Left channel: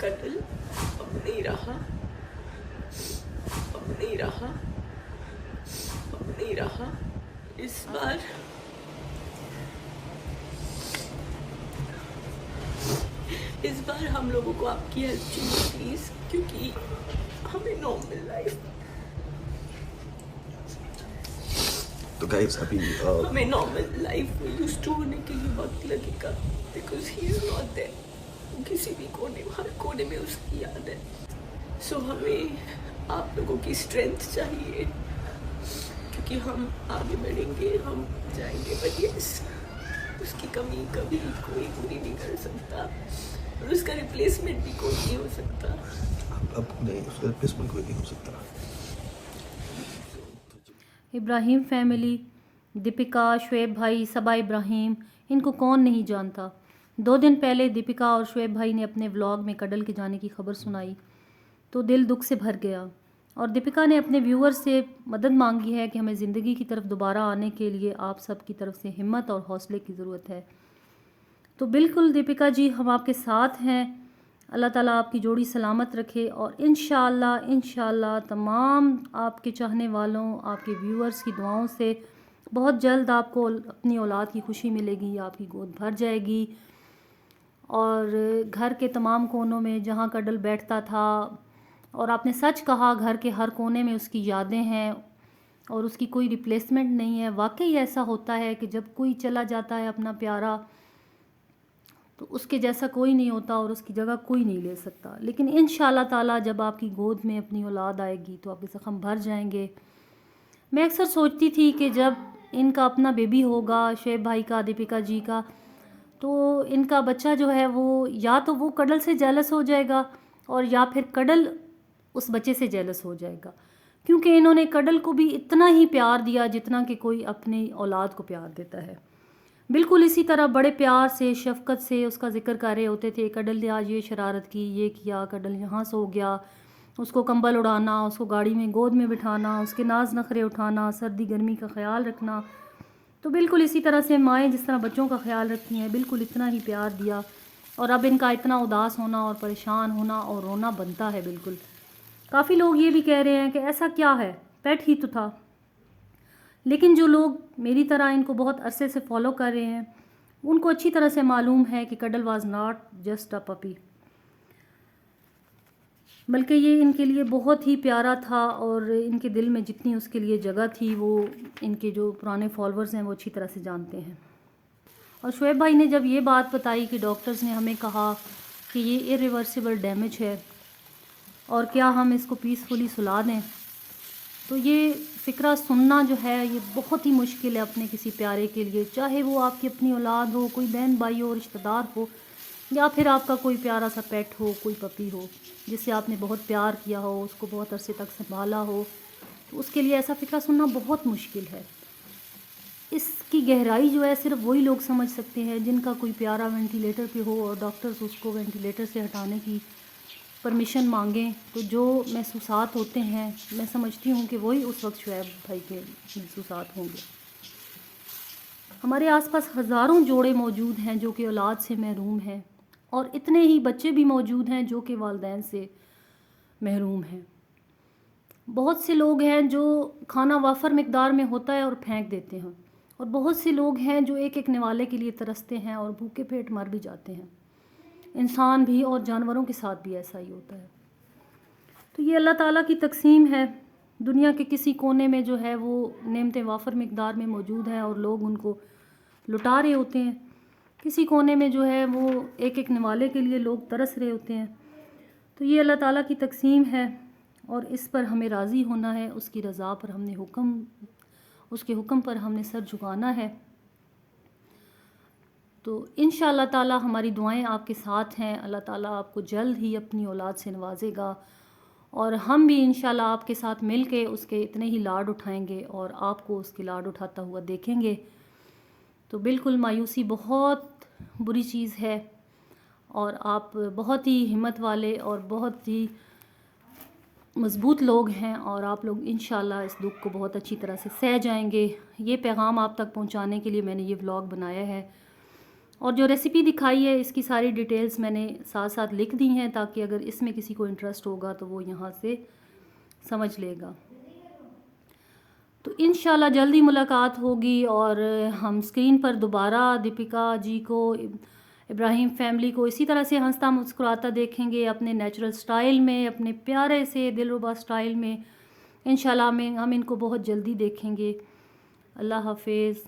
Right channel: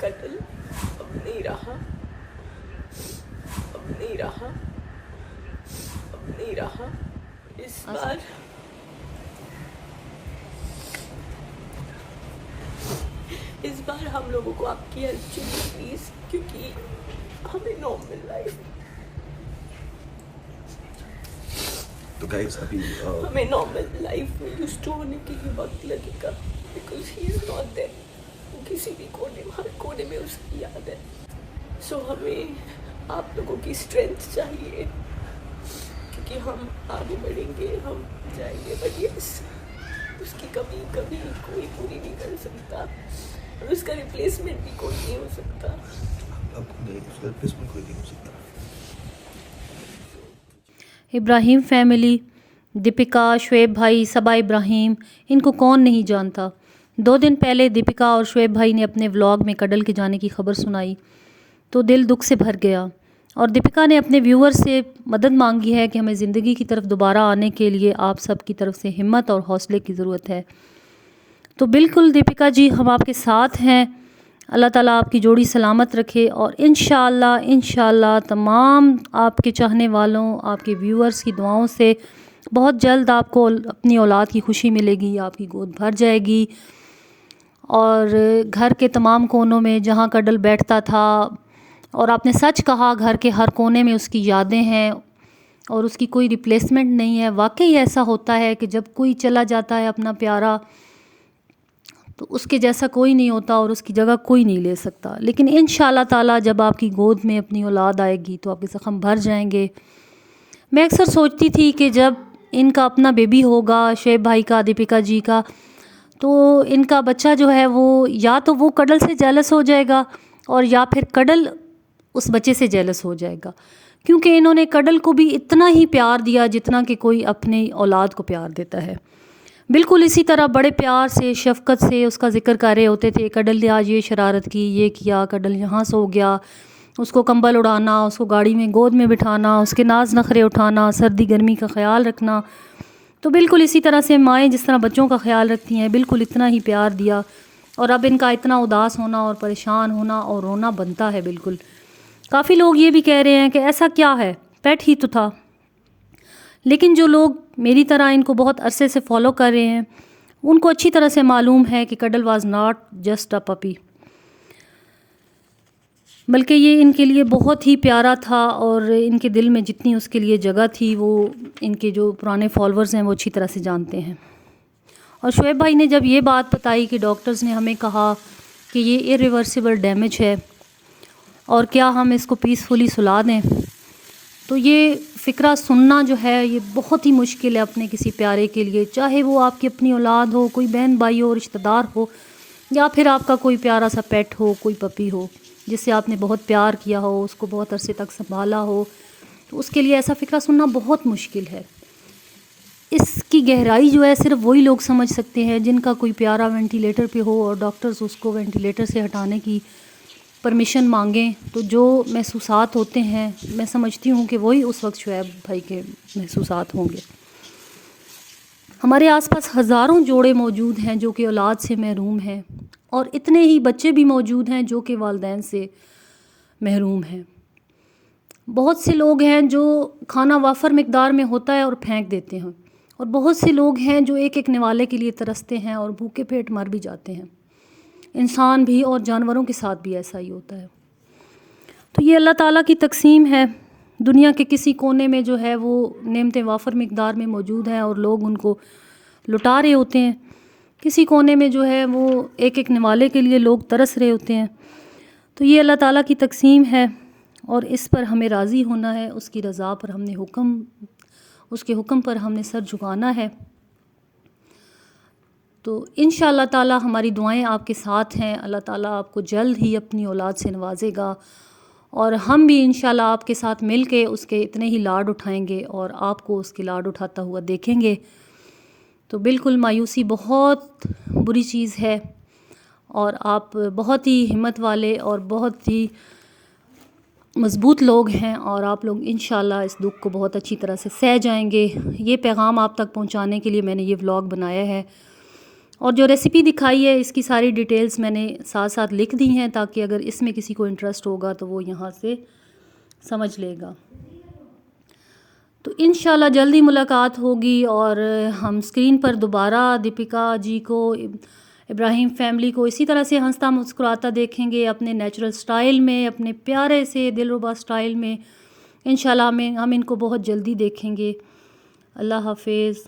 कत्ल अब नहीं रहा, अब नहीं रहा, अब नहीं रहा। इस बार हम लोगों को आपकी हेल्प चाहिए प्लीज, क्योंकि हमें नॉर्मल लाइफ, तो गाइस अभी हमें नॉर्मल लाइफ में यूज्ड टू होने के लिए वक्त लगेगा, because he is not there. किसी भी कोने, हर कोने में उसकी याद है। सो हमें आप लोगों की स्ट्रेंथ चाहिए, क्योंकि हम आगे बढ़ेंगे, हम जाएंगे, बट यस उसकी कमी कभी कोई पूरी नहीं कर सकता, और उसका रिप्लेसमेंट भी कोई नहीं हो सकता। अब नहीं, उसका रिप्लेसमेंट कोई नहीं हो सकता। इब्राहिम फैमिली, दीपिका, शुएब भाई, सबा इब्राहिम, इनको कौन नहीं जानता। 2 दिन पहले दीपिका और शुएब भाई ने अपने व्लॉग में कडल के जाने की खबर सुनाई तो दिल दुख से भर गया, और दीपिका ने अपने व्यूअर से मदद मांगी है कि हमें ज़िंदगी की तरफ दोबारा आने के लिए आप सब की तरफ से हिम्मत और हौसले की ज़रूरत है। तो बिल्कुल दीपिका जी, हम आपके साथ हैं। अल्लाह ताला आपकी जोड़ी सलामत रखे, और इंशाअल्लाह तमाम आपके चाहने वालों, आपके व्यूअर्स की दुआओं से बहुत जल्द आपको अपनी औलाद की खुशी मिलेगी, आपकी गोद भर जाएगी, और घर के तमाम कोनों में जहाँ कडल बैठता था, और आपने सच कहा, घर के हर कोने में उसकी यादें हैं और उसकी कोई रिप्लेसमेंट नहीं है। वाकई ऐसा होता है कि जब कोई चला जाता है अपना प्यारा, तो उसके जैसा कोई नहीं होता और उसकी जगह कोई नहीं ले सकता। लेकिन इंशाअल्लाह ताला जब आपकी गोद में अपनी औलाद आएगी तो आपके ज़ख्म भर जाएंगे। मैं अक्सर सोचती थी कि जब इनका अपना बेबी होगा, शुएब भाई का, दीपिका जी का, तो इनका बच्चा जो है वो या तो वो कडल से जेलस हो जाएगा, और या फिर कडल उस बच्चे से जेलस हो जाएगा, क्योंकि इन्होंने कडल को भी इतना ही प्यार दिया जितना कि कोई अपनी औलाद को प्यार देता है। बिल्कुल इसी तरह बड़े प्यार से, शफ़क़त से उसका ज़िक्र कर रहे होते थे। कडल ने आज ये शरारत की, ये किया, कडल यहाँ सो गया, उसको कंबल उड़ाना, उसको गाड़ी में गोद में बिठाना, उसके नाज नखरे उठाना, सर्दी गर्मी का ख़्याल रखना। तो बिल्कुल इसी तरह से माएँ जिस तरह बच्चों का ख्याल रखती हैं, बिल्कुल इतना ही प्यार दिया, और अब इनका इतना उदास होना और परेशान होना और रोना बनता है। बिल्कुल काफ़ी लोग ये भी कह रहे हैं कि ऐसा क्या है, पेट ही तो था। लेकिन जो लोग मेरी तरह इनको बहुत अरसे से फॉलो कर रहे हैं, उनको अच्छी तरह से मालूम है कि cuddle was not just a puppy, बल्कि ये इनके लिए बहुत ही प्यारा था, और इनके दिल में जितनी उसके लिए जगह थी वो इनके जो पुराने फॉलोअर्स हैं वो अच्छी तरह से जानते हैं। और शुएब भाई ने जब ये बात बताई कि डॉक्टर्स ने हमें कहा कि ये इरिवर्सिबल डैमेज है और क्या हम इसको पीसफुली सुला दें, तो ये फ़िक्रा सुनना जो है ये बहुत ही मुश्किल है अपने किसी प्यारे के लिए, चाहे वो आपकी अपनी औलाद हो, कोई बहन भाई हो, रिश्तेदार हो, या फिर आपका कोई प्यारा सा पेट हो, कोई पपी हो जिससे आपने बहुत प्यार किया हो, उसको बहुत अरसे तक संभाला हो, तो उसके लिए ऐसा फ़िक्रा सुनना बहुत मुश्किल है। इसकी गहराई जो है सिर्फ वही लोग समझ सकते हैं जिनका कोई प्यारा वेंटिलेटर पे हो और डॉक्टर्स उसको वेंटिलेटर से हटाने की परमिशन मांगें, तो जो महसूसात होते हैं मैं समझती हूँ कि वही उस वक्त शुएब भाई के महसूसात होंगे। हमारे आसपास हज़ारों जोड़े मौजूद हैं जो कि औलाद से महरूम हैं, और इतने ही बच्चे भी मौजूद हैं जो कि वालिदैन से महरूम हैं। बहुत से लोग हैं जो खाना वाफर मिकदार में होता है और फेंक देते हैं, और बहुत से लोग हैं जो एक एक निवाले के लिए तरसते हैं और भूखे पेट मर भी जाते हैं। इंसान भी और जानवरों के साथ भी ऐसा ही होता है। तो ये अल्लाह ताला की तकसीम है। दुनिया के किसी कोने में जो है वो नेमतें वाफर मिकदार में मौजूद हैं और लोग उनको लुटा रहे होते हैं। किसी कोने में जो है वो एक एक निवाले के लिए लोग तरस रहे होते हैं। तो ये अल्लाह ताला की तकसीम है, और इस पर हमें राज़ी होना है, उसकी रज़ा पर हमने उसके हुक्म पर हमने सर झुकाना है। तो इंशाअल्लाह ताला हमारी दुआएं आपके साथ हैं। अल्लाह ताला आपको जल्द ही अपनी औलाद से नवाजेगा, और हम भी इंशाअल्लाह आपके साथ मिल के उसके इतने ही लाड उठाएंगे और आपको उसके लाड उठाता हुआ देखेंगे। तो बिल्कुल मायूसी बहुत बुरी चीज़ है, और आप बहुत ही हिम्मत वाले और बहुत ही मज़बूत लोग हैं, और आप लोग इंशाअल्लाह इस दुख को बहुत अच्छी तरह से सह जाएंगे। ये पैगाम आप तक पहुंचाने के लिए मैंने ये व्लॉग बनाया है, اور جو ریسیپی دکھائی ہے اس کی ساری ڈیٹیلز میں نے ساتھ ساتھ لکھ دی ہیں تاکہ اگر اس میں کسی کو انٹرسٹ ہوگا تو وہ یہاں سے سمجھ لے گا. تو انشاءاللہ جلدی ملاقات ہوگی اور ہم اسکرین پر دوبارہ دیپیکا جی کو، ابراہیم فیملی کو اسی طرح سے ہنستا مسکراتا دیکھیں گے، اپنے نیچرل سٹائل میں، اپنے پیارے سے دلربا سٹائل میں. انشاءاللہ ہم ان کو بہت جلدی دیکھیں گے. اللہ حافظ.